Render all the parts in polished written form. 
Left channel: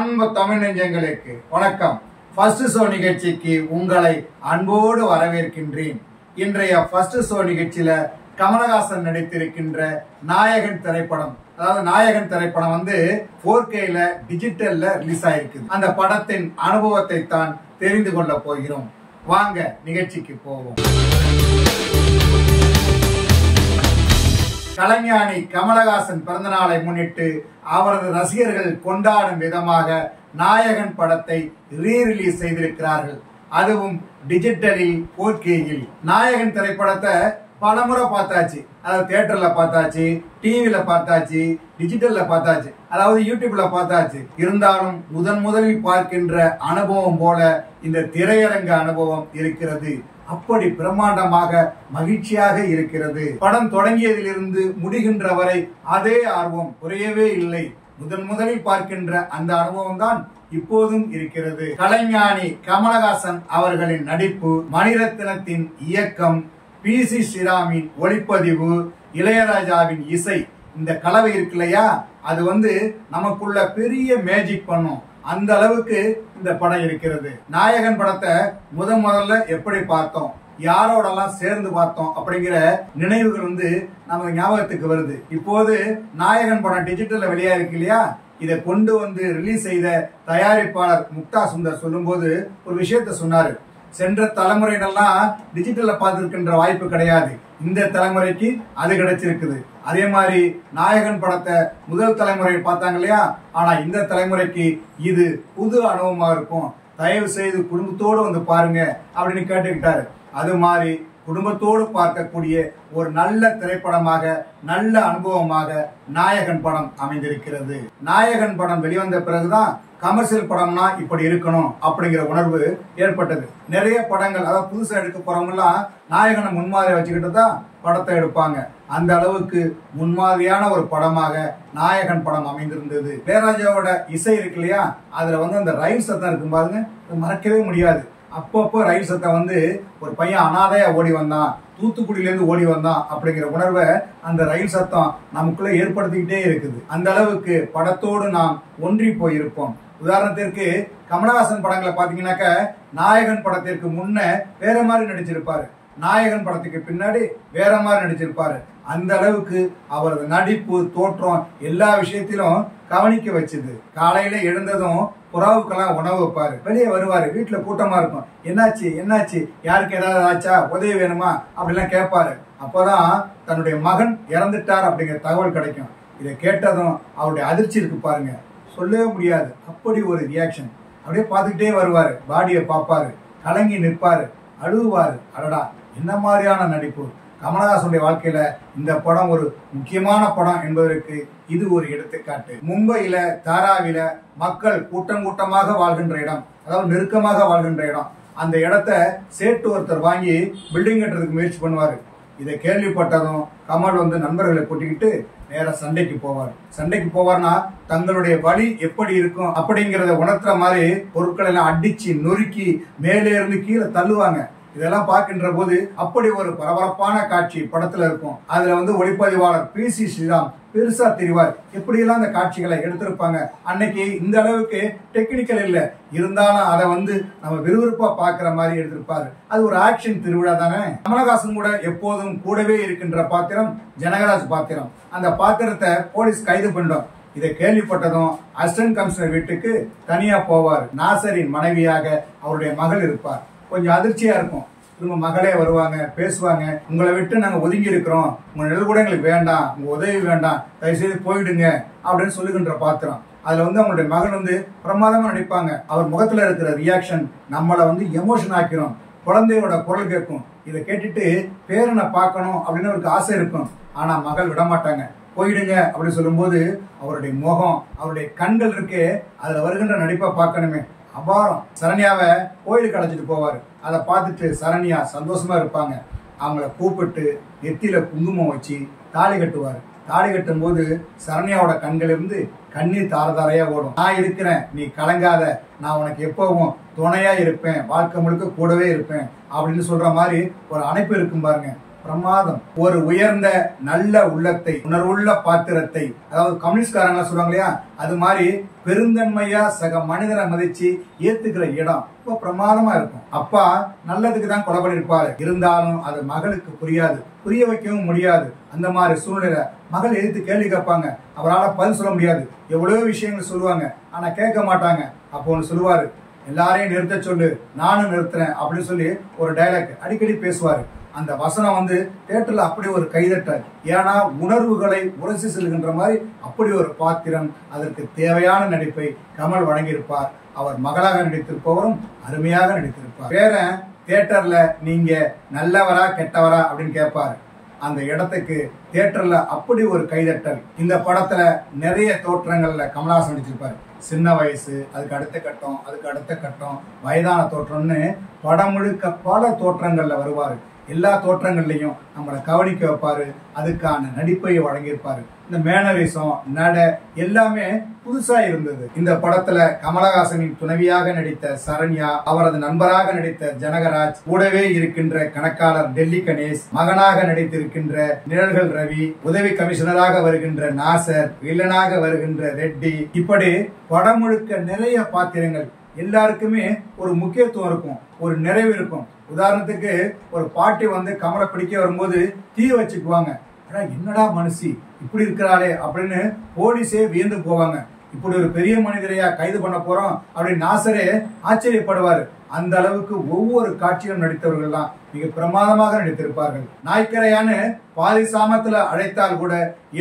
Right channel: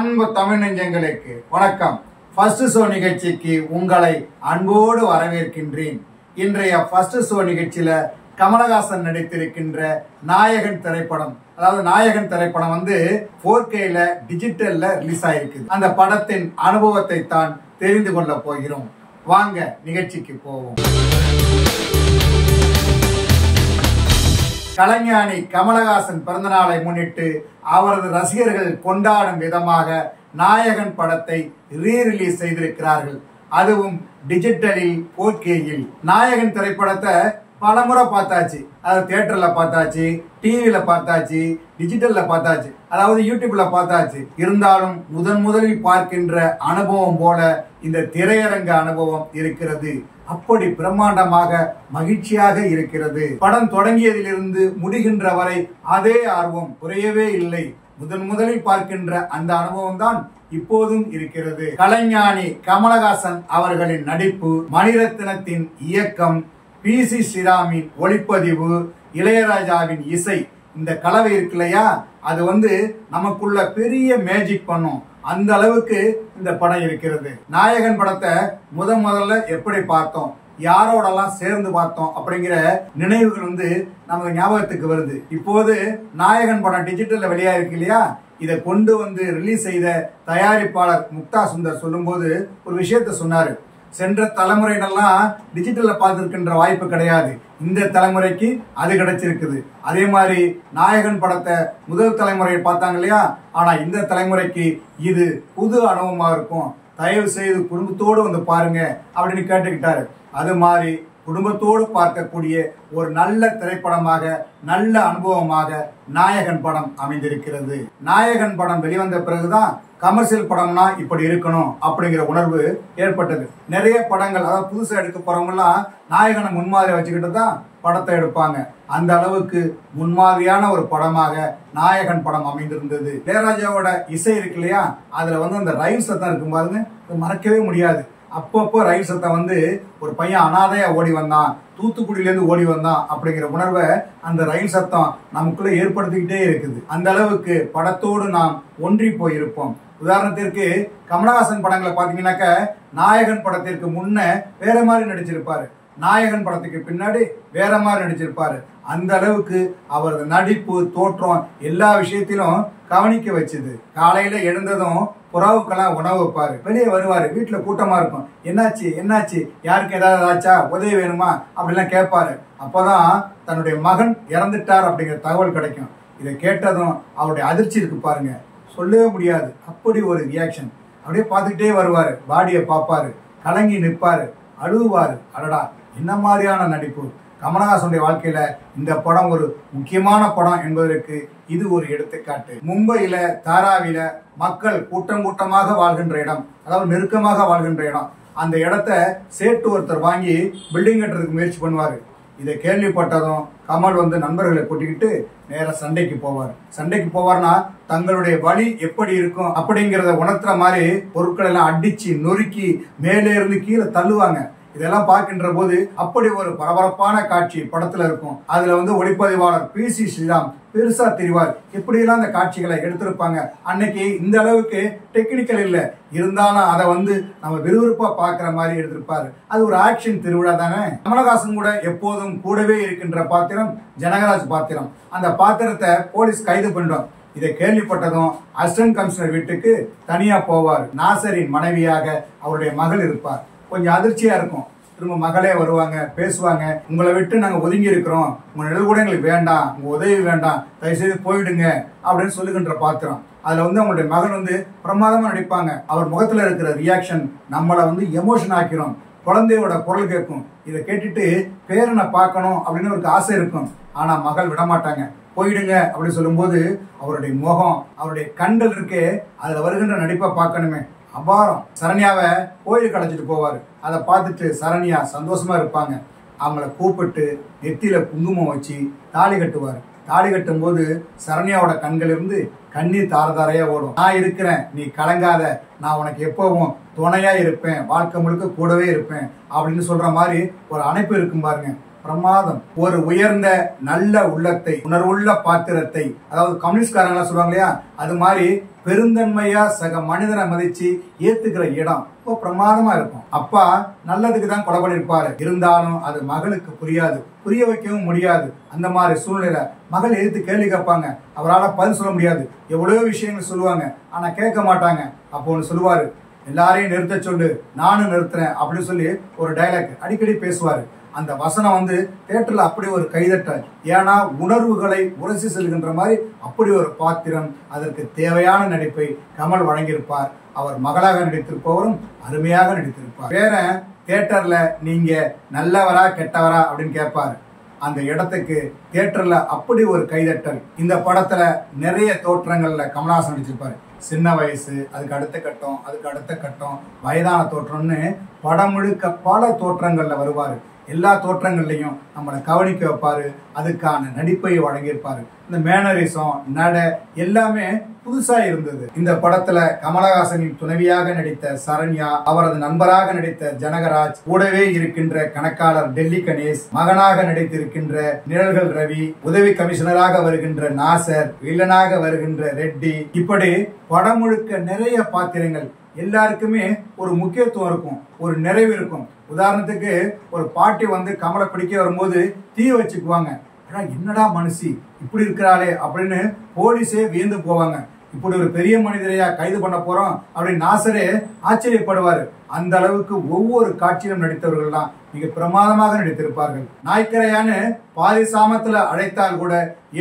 அன்பு தமிழ் நெஞ்சங்களுக்கு வணக்கம். ஃபர்ஸ்ட் ஷோ நிகழ்ச்சிக்கு உங்களை அன்போடு வரவேற்கின்றேன். இன்றைய ஃபர்ஸ்ட் ஷோ நிகழ்ச்சியில கமலஹாசன் நடித்திருக்கின்ற நாயகன் திரைப்படம், அதாவது நாயகன் திரைப்படம் 4Kல டிஜிட்டல்ல ரிலீஸ் ஆயிருக்கு. அந்த படத்தின் அனுபவத்தை தான் தெரிந்து கொள்ள போகிறோம். வாங்க நிகழ்ச்சிக்கு போவோம். கலைஞானி கமலஹாசன் பிறந்தநாளை முன்னிட்டு அவரது ரசிகர்கள் கொண்டாடும் விதமாக நாயகன் படத்தை ரீரிலீஸ் செய்திருக்கிறார்கள். அதுவும் டிஜிட்டலில் 4Kயில். நாயகன் திரைப்படத்தை பலமுறை பார்த்தாச்சு. அதாவது தியேட்டர்ல பார்த்தாச்சு, டிவில பார்த்தாச்சு, டிஜிட்டல்ல பார்த்தாச்சு, அதாவது யூடியூப்ல பார்த்தாச்சு. இருந்தாலும் முதலில் பார்க்கின்ற அனுபவம் போல இந்த திரையரங்க அனுபவம் இருக்கிறது. அப்படி பிரம்மாண்டமாக மகிழ்ச்சியாக இருக்கிறது. படம் தொடங்கியதிலிருந்து முடிகின்ற வரை அதே ஆர்வம் குறையவே இல்லை. முதலில் பார்க்கின்ற அந்த அனுபவம் தான் இப்போதும் இருக்கிறது. கலைஞானி கமலஹாசன் அவர்களின் நடிப்பு, மணிரத்னத்தின் இயக்கம், PC ஸ்ரீராமின் ஒளிப்பதிவு, இளையராஜாவின் இசை, இந்த கலவை இருக்கு இல்லையா, அது நமக்குள்ள பெரிய மேஜிக் பண்ணும். அந்த அளவுக்கு இந்த படம் இருக்கிறது. நாயகன் படத்தை முதல்ல எப்படி பார்த்தோம், யாரோடெல்லாம் சேர்ந்து பார்த்தோம் அப்படிங்கிற நினைவுகள் நமக்கு ஞாபகத்துக்கு வருது. இப்போது நாயகன் படம் டிஜிட்டல்ல வெளியா இருக்கு இல்லையா, இதை கொண்டு ரிலீஸ் செய்த தயாரிப்பாளர் முக்தா சுந்தர் சொல்லும் போது ஒரு விஷயத்த சொன்னாரு. சென்ற தலைமுறைகள்லாம் டிஜிட்டல்ல பார்த்திருக்கின்ற வாய்ப்பு கிடையாது. இந்த தலைமுறைக்கு அது கிடைச்சிருக்குது. அதே மாதிரி நாயகன் படத்தை முதல் தலைமுறையை பார்த்தாங்க இல்லையா, ஆனா இந்த தலைமுறைக்கு இது புது அனுபவமா இருக்கும். தயவு செய்து குடும்பத்தோடு பாருங்க அப்படின்னு கேட்டுக்கிட்டாரு. அது மாதிரி குடும்பத்தோடு பார்க்கக்கூடிய ஒரு நல்ல திரைப்படமாக, நல்ல அனுபவமாக நாயகன் படம் அமைந்திருக்கிறது. நாயகன் படம் வெளிவந்த பிறகுதான் கமர்ஷியல் படம்னா இப்படி இருக்கணும் அப்படிங்கிற உணர்வு ஏற்பட்டது. நிறைய படங்கள், அதாவது புதுசா எடுக்க போறவங்க எல்லாம் நாயகனை முன்மாதிரி வச்சுக்கிட்டு தான் படத்தை எடுப்பாங்க. அந்த அளவுக்கு முன்மாதிரியான ஒரு படமாக நாயகன் படம் அமைந்திருந்தது. இளையராஜாவோட இசை இருக்கு இல்லையா, அதுல அந்த ரயில் சத்தம் இருக்கும் பாருங்க, மறக்கவே முடியாது. அப்பப்போ ரயில் சத்தம் ஒரு பையன் அனாதையா ஓடி வந்தான், தூத்துக்குடியிலேருந்து ஓடி வந்தான் அப்படிங்கிற உணர்வை அந்த ரயில் சத்தம் நமக்குள்ள ஏற்படுத்திக்கிட்டே இருக்குது. அந்த அளவுக்கு படத்தோடு நாம் ஒன்றி போயிருப்போம். உதாரணத்திற்கு கமலஹாசன் படங்களை பாத்தீங்கன்னாக்க நாயகன் படத்திற்கு முன்ன வேற மாதிரி நடிச்சிருப்பாரு, நாயகன் படத்துக்கு பின்னாடி வேற மாதிரி நடிச்சிருப்பாரு. அந்த அளவுக்கு அவரது நடிப்பு, தோற்றம் எல்லா விஷயத்திலும் கவனிக்க வச்சுது. காலையில எழுந்ததும் புறாவுக்கெல்லாம் உணவு வைப்பாரு, வெளியே வருவாரு, வீட்டுல கூட்டமா இருக்கும், என்னாச்சு யாருக்கு ஏதாவது ஆச்சா, உதவி வேணுமா அப்படிலாம் கேட்பாரு. அப்பதான் தன்னுடைய மகன் இறந்துட்டார் அப்படிங்கிற தகவல் கிடைக்கும். இதை கேட்டதும் அவருடைய அதிர்ச்சி இருக்கு பாருங்க, சொல்லவே முடியாது. அப்படி ஒரு ரியாக்ஷன். அப்படியே பார்த்துக்கிட்டே வருவாரு, பாடியை பார்ப்பாரு, கலங்கி நிற்பாரு, அழுவாரு. அடடா, என்ன மாதிரியான நடிப்பு! கமலஹாசனுடைய வாழ்க்கையில இந்த படம் ஒரு முக்கியமான படம் என்பதற்கு இது ஒரு எடுத்துக்காட்டு. மும்பையில தாராவில மக்கள் கூட்டமாக வாழ்கின்ற இடம், அதாவது நெருக்கமாக வாழ்கின்ற இடம். அந்த இடத்த சேட்டு ஒருத்தர் வாங்கி பில்டிங் கட்டுறதுக்கு முயற்சி பண்ணுவாரு. இதை கேள்விப்பட்டதும் கமல் நண்பர்களை கூட்டிக்கிட்டு நேர சண்டைக்கு போவார்னா தங்களுடைய வழி எப்படி இருக்கும் அப்படிங்கறத உணர்த்துற மாதிரி பொருட்கள் எல்லாம் அடிச்சு நொறுக்கி மேலே இருந்து கீழே தள்ளுவாங்க. இதெல்லாம் பார்க்கின்ற போது அப்படி ஒரு பரபரப்பான காட்சி படத்துல இருக்கும். அதுல ஒளிப்பதிவாளர் PC ஸ்ரீராம் பெருசா தெரிவார். எப்படியெல்லாம் அந்த காட்சிகளை எடுத்திருப்பாங்க. அன்னைக்கு இந்த அளவுக்கு டெக்னிக்கல் இல்ல, இருந்தாலும் அதை நம்ம விறுவிறுப்பா பாக்குற மாதிரி எடுத்திருப்பாரு. அது ஒரு ஆக்ஷன் திருவிழா தானே. கமலஹாசன் கூட எப்போதும் கூடவே இருக்கின்ற பாத்திரம் ஜனகராஜ் பாத்திரம். அந்த பாத்திரத்தை போலீஸ் கைது பண்ணிடும். இதை கேள்விப்பட்டதும் அசிஸ்டன்ட் கமிஷனர் வீட்டுக்கு தனியா போவார். நாசரின் மனைவியாக அவருடைய மகள் இருப்பார். கொஞ்சம் அதிர்ச்சியா இருக்கும். திரும்ப மகளே வருவாங்க, பேசுவாங்க, உங்களை விட்டு நாங்க ஒதுங்கி இருக்கிறோம், உங்க நிழல் கூட எங்களுக்கு வேண்டாம், உங்க உதவி வேண்டாம், தயவுசெய்து போயிடுங்க அப்படின்னு சொல்லுகின்ற பாத்திரம். அதுல அவங்களுடைய மகள் பிரமாதமா நடிப்பாங்க. அவர் முகத்துல இருக்கிற ரியாக்ஷன் நம்மள எமோஷன் ஆக்கிரும். குழந்தையோட குரல் கேட்கும். இதை கேட்டுட்டு பேரனை பார்க்கணும் அப்படின்னு அவருக்கு ஆசை இருக்கும். ஆனா மகள் விடமாட்டாங்க. போயிடுங்க அப்படின்னு சொல்லும் போது அவருடைய முகம், அவருடைய கண்கள் இருக்கே, அதுல வருகின்ற நடிப்பை பார்க்கணுமே, அபாரம். சரண்யாவை கோயிலுக்கு அழைச்சிட்டு போவாரு. அதை பார்த்துட்டு சரண்யா சந்தோஷமா இருப்பாங்க. அவங்கள கூப்பிட்டு நெத்தியில குங்குமம் வச்சு தாலி கட்டுவாரு. தாலி கட்டும் போது சரண்யாவோட கண்கள் இருந்து கண்ணீர் தாரதாரையா ஓடும். நான் இருக்கிறேன், நீ கலங்காத, நான் உனக்கு எப்பவும் துணையா இருப்பேன், வாழ்க்கை முழுக்க கூடவே இருப்பேன் அப்படின்னு சொல்ற மாதிரி ஒரு அணைப்பு இருக்கும் பாருங்க. பிரமாதம். ஒரு உயர்ந்த நல்ல உள்ளத்தை, உணர்வுள்ள பாத்திரத்தை, அதாவது கம்யூனிஸ்ட்காரங்களா சொல்லுவாங்க இல்லையா, அது மாதிரி பெருந்தன்மையா சக மனிதனை மதிச்சு ஏத்துக்கிற இடம் ரொம்ப பிரமாதமா இருக்கும். அப்பா நல்லதுக்கு தான் கொலை பண்ணிருப்பாரு, இருந்தாலும் அது மகளுக்கு புரியாது, புரிய வைக்கவும் முடியாது. அந்த மாதிரி சூழ்நிலை மகள் எதிர்த்து கேள்வி கேட்பாங்க, அவரால் பதில் சொல்ல முடியாது. எவ்வளவோ விஷயங்கள் சொல்லுவாங்க, ஆனா கேட்க மாட்டாங்க. அப்போ ஒன்று சொல்லுவாரு, எல்லாரையும் நிறுத்த சொல்லு, நானும் நிறுத்துறேன் அப்படின்னு சொல்லி ஒரு டைலாக் அடிக்கடி பேசுவாரு. அந்த வசனம் தியேட்டர்ல அப்படி ஒரு கைதட்டல். ஏன்னா உணர்வுகளை உரசி செல்கின்ற மாதிரி அப்படி ஒரு பாத்திரம். அதற்கு தேவையான நடிப்பை கமல் வழங்கியிருப்பார். அவர் மகளாக நடித்திருப்பவரும் அருமையாக நடித்திருப்பார். வேற தியேட்டர்ல நீங்க நல்லவரா கெட்டவரா அப்படின்னு கேட்பாரு. அந்த இடத்துக்கு தியேட்டர்ல அப்படி ஒரு கைதட்டல். இந்த படத்துல நிறைய தோற்றங்கள்ல கமலஹாசன் நடிச்சிருப்பாரு. சின்ன வயசு, அதுக்கு அடுத்த கட்டம், அதுக்கு அடுத்த கட்டம், வயதான தோற்றம்னு படம் முழுக்க பல தோற்றங்கள்ல வருவாரு. எல்லா தோற்றங்கள்லையும் நம்மளை கவனிக்க வைப்பாரு. அதுக்கான நடிப்பை வழங்கியிருப்பாரு. இந்த மேனரிசம், நட எல்லாமே புதுசா இருந்தது. இந்த படத்துல கமலஹாசனின் துணைவியாக நடித்த சரண்யா, அவரது நண்பராக நடித்த ஜனகராஜ், கூடவே இருக்கின்ற கணக்காளர் டெல்லி கணேஷ், மகனாக நடித்திருக்கின்ற நிழல்கள் ரவி, உதவி கமிஷனராக வருகின்ற நாசர், வில்லனாக வருகின்ற ரெட்டி, இப்படி படம் முழுக்க நிறைய பாத்திரங்கள். எல்லாருக்குமே ஒரு முக்கியத்துவம் இருக்கும், ஒரு நிறைவு இருக்கும். உதாரணத்துக்கு ஒரு பாட்டி கமலை பிடிக்க வரும்போது தீ வச்சுக்குவாங்க. என்னடா மனுஷி இப்படி இருக்கிறாளே அப்படின்னு போலீஸே வியந்து போவாங்க. இப்படி ஒரு பெரிய மனிதரையா கைது பண்ண போறோம் அப்படின்னு நாசரே ஆச்சரியப்படுவாரு. அந்த அளவுக்கு ஒவ்வொரு காட்சியிலும் நடித்தவர்கள் தான் மிக பிரமாதமாக நடித்திருப்பார்கள். நாய்க்கரையான்னு பாதி சாமத்துல அழைத்தால் கூட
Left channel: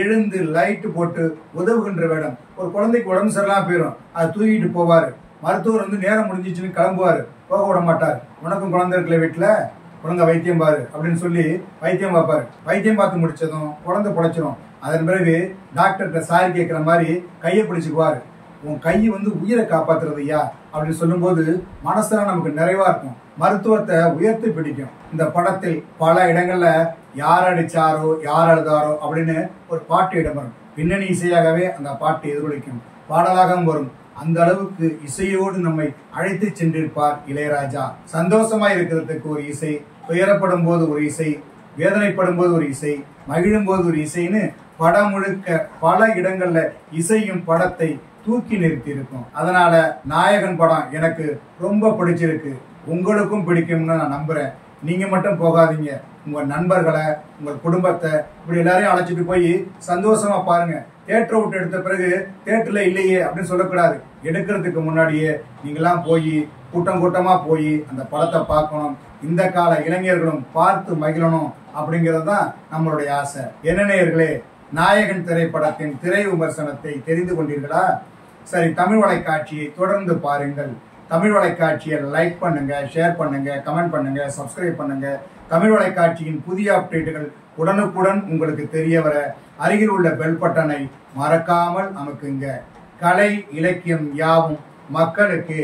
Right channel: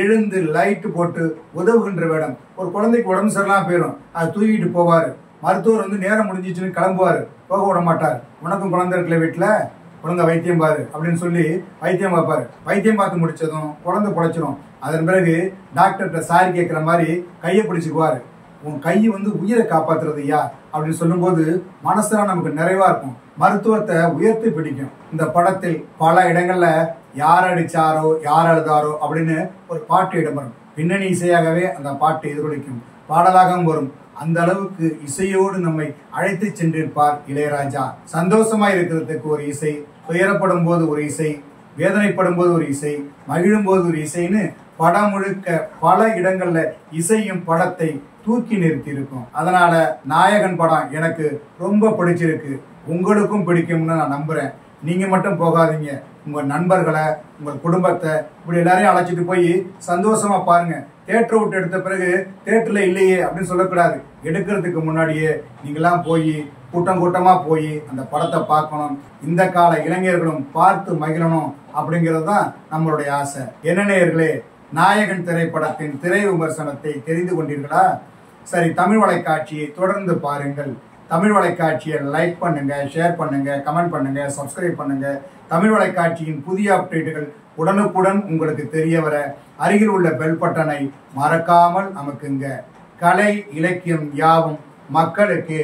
எழுந்து லைட் போட்டு உதவுகின்ற வேடம். ஒரு குழந்தைக்கு உடம்பு சரியில்லாம போயிடும், அதை தூக்கிட்டு போவாரு. மருத்துவர் நேரம் முடிஞ்சிச்சுன்னு கிளம்புவாரு, போக விட மாட்டார். உனக்கும் குழந்தை இருக்கல வீட்டுல, குழந்தை வைத்தியம் பாரு அப்படின்னு சொல்லி வைத்தியம் பார்ப்பாரு. வைத்தியம் பார்த்து முடிச்சதும் குழந்தை பொழைச்சிடும். அதன் பிறகு டாக்டர்கிட்ட சாரி கேட்கிற மாதிரி கையை பிடிச்சுக்குவாரு. உன் கை உயிரை காப்பாத்துறது ஐயா அப்படின்னு சொல்லும் போது மனசுல நமக்கு நிறைவா இருக்கும். மருத்துவத்தை உயர்த்தி பிடிக்கும். இந்த படத்தில் பல இடங்கள்ல யார் அடிச்சாரோ யார் அழுதாரோ அப்படின்னு ஒரு பாட்டு இடம்பெறும். பின்னணி இசையாகவே அந்த பாட்டு எதிரொலிக்கும், பாடலாகவும் வரும். அந்த அளவுக்கு இசையோடு நம்மை அழைத்து சென்றிருப்பார் இளையராஜா. சந்தோஷமா இருக்கிறதுக்கு ஒரு இசை, துயரப்படும் போது ஒரு இசை, வேதனைப்படும் போது ஒரு இசை, மகிழும் போது ஒரு இசைன்னு படம் முழுக்க பல இடங்கள்ல இசையும் படத்தை தூக்கி நிறுத்தி இருக்கும். அதனால நாயகன் படம் எனக்கு ரொம்ப பிடிச்சிருக்கு. உங்களுக்கும் பிடிக்கும்னு நான் நம்புறேன். நீங்க மட்டும் போகாதீங்க, உங்க நண்பர்களை, உங்க குடும்பத்தை இப்படி எல்லாரையும் அழைச்சிட்டு போய் சந்தோஷமா பாருங்க. தியேட்டரை விட்டு எடுத்த பிறகு தியேட்டர்ல இல்லையே அப்படின்னு சொல்லக்கூடாது. எடுக்கிறதுக்கு முன்னாடியே நீங்களாம் போய் கூட்டம் கூட்டமா போய் அந்த படத்தை பார்க்கணும். இந்த கால இளைஞர்களும் பார்த்து மகிழணும் அப்படிங்கிறது தான் நம்மளுடைய ஆசை. என்ன நேயர்களே, நாயகன் திரைப்படத்தின் திரை விமர்சனத்தை தெரிந்து கொண்டீர்களா? சரி, தமிழ் வலைக்காட்சியை தொடர்ந்து பாருங்கள். தமிழ் வலைக்காட்சியை லைக் பண்ணுங்க, ஷேர் பண்ணுங்க, கமெண்ட் பண்ணுங்க, சப்ஸ்கிரைப் பண்ணுங்க. தமிழ் வலைக்காட்சியின் புதிய அப்டேட்டுகள் உடனுக்குடன் உங்களுக்கு தெரிய வர அருகில் உள்ள பெல் பட்டனை மறக்காமல் அமுக்குங்க. கலை இலக்கியம் யாவும் மக்களுக்கு.